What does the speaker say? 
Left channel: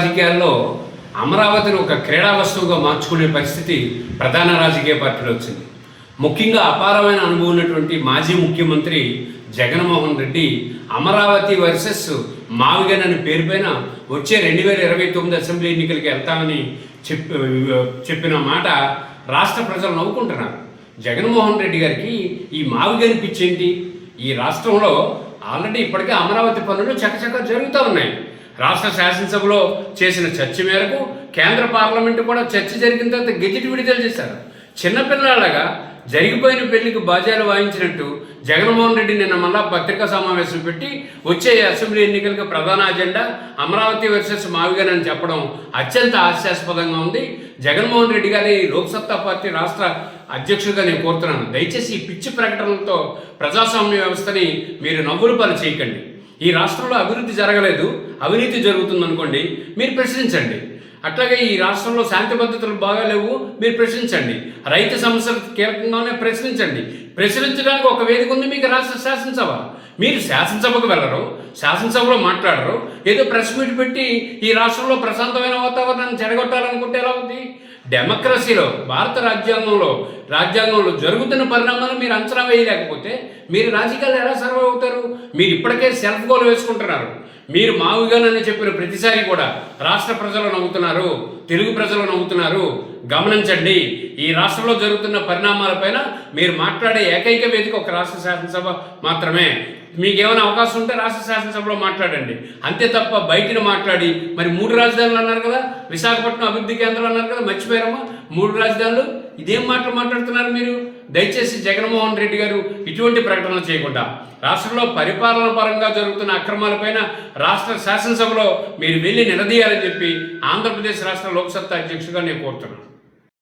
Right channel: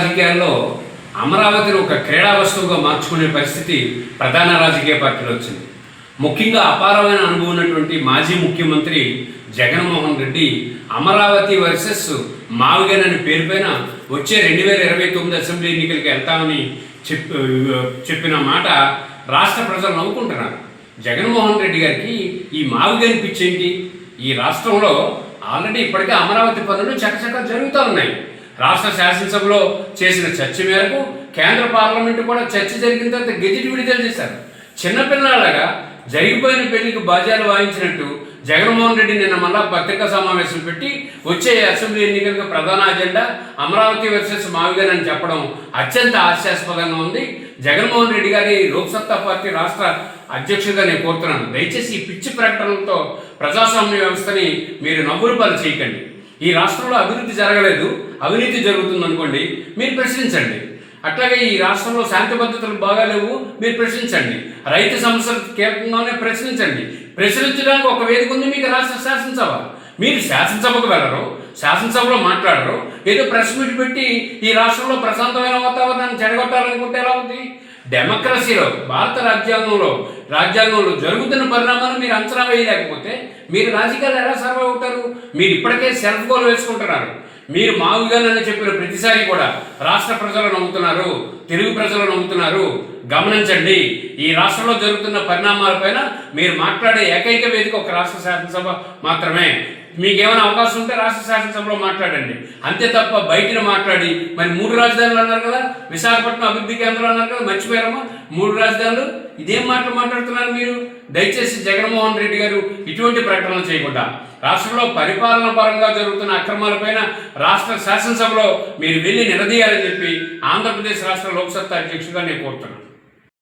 రాజకీయాల్లో అమరావతిని ఒక క్రీడా వస్తువుగా మార్చుకునే పరిస్థితి ప్రధాన రాజకీయ పార్టీలో వచ్చింది. ముఖ్యంగా అపారమైన అనుభవం ఉన్నటువంటి మాజీ ముఖ్యమంత్రి జగన్మోహన్ రెడ్డి అమరావతి వర్సెస్ మావిగన్ అనే పేరు పైన వచ్చే 2029 అసెంబ్లీ ఎన్నికలకి వెళ్తామని చెప్పిన మాట రాష్ట్ర ప్రజలు నవ్వుకుంటున్నారు. జగన్మోహన్ రెడ్డి గారికి ఈ మావిగన్ పిచ్చేంటి? ఈ రాష్ట్రంలో ఆల్రెడీ ఇప్పటికే అమరావతి పనులు చకచక జరుగుతూ ఉన్నాయి. రాష్ట్ర శాసనసభలో చేసిన చర్చ మేరకు కేంద్ర పార్లమెంటు కూడా చర్చ జరిగిన తర్వాత గెజిట్ విడుదల చేశారు. చిన్నపిల్లలాగా జరిగిపోయిన పెళ్లికి బాజాలు వాయించినట్టు జగన్మోహన్ రెడ్డి నిన్న మళ్ళా పత్రికా సమావేశం పెట్టి వచ్చే అసెంబ్లీ ఎన్నికలకు ప్రధాన అజెండా అమరావతి వర్సెస్ మావిగన్ అని చెప్పడం అత్యంత హాస్యాస్పదంగా ఉంది. జగన్మోహన్ రెడ్డి గారి లోక్సత్తా పార్టీ రాష్ట్ర అధ్యక్షుడిగా నేను కోరుతున్నాను, దయచేసి ఈ పిచ్చి ప్రకటనలతో ప్రజాస్వామ్య వ్యవస్థని మీరు నవ్వులు పాలు చేయకండి. ఈ రాష్ట్రంలో అభివృద్ధి జరగలేదు, అవినీతి జరుగుతుంది అనుకోండి, మీరు ప్రశ్నించండి. అట్లాగే ఈ రాష్ట్రంలో శాంతి భద్రతలు బాగాలేవు, మీరు ప్రశ్నించండి. రైతు సమస్యలు కీలకంగానే ప్రశ్నించండి. ప్రశ్నించడానికి ఒక వేదిక ఉంది మీకు, రాష్ట్ర శాసనసభ. మీరు శాసనసభకు వెళ్ళరు, శాసనసభలో మాట్లాడరు, ఏదో ప్రెస్ మీట్ పెట్టి ఈ రాష్ట్రంలో ప్రశాంతమైన వాతావరణాన్ని చెడగొట్టాలనుకుంటే ఎలా ఉంది? డెమోక్రసీలో భారత రాజ్యాంగంలో జరుగుతున్న పరిణామాలు మీరు అంచనా వేయలేకపోతే మీరు రాజకీయాలు ఎలా సర్వ్ అవుతారు? మీరు ఇప్పటికే సెల్ఫ్ గోల్ వేసుకుంటున్నారు. మీరు మావిగన్ అని చెప్పిన ప్రతిసారి కూడా రాష్ట్ర ప్రజలు నవ్వుతున్నారు, తెలుగు ప్రజలు నవ్వుతున్నారు. గమనించండి, ఈ రాష్ట్రంలో జరుగుతున్న పరిణామాలపైన మీరు మాట్లాడే ఏకైక వేదిక ఒక రాష్ట్ర శాసనసభ మాత్రమే. మీకేమైనా అవకాశం ఉంటే రాష్ట్ర శాసనసభలో మాట్లాడండి, అంతే తప్ప బయటన మాట్లాడి మరి 3 రాజధానులు అన్నారు కదా, విశాఖపట్నం అభివృద్ధి కేంద్రం అన్నారు కదా, మర్చిపోయారమ్మా 3 రాజధానులు. ఇదేం మాట్లాడుతున్నారు మీరు? దయచేసి జగన్మోహన్ రెడ్డి గారు ఇటువంటి ప్రకటనలు చేయకుండా రాష్ట్రంలో పరిపాలన పరంగా జరుగుతున్న అక్రమాలపైన రాష్ట్ర శాసనసభలో మీరు వెళ్ళి నిలదీయాలని చెప్పి ఆంధ్రప్రదేశ్ రాష్ట్ర లోక్సత్తా అధ్యక్షుడిగా నేను కోరుతున్నాను.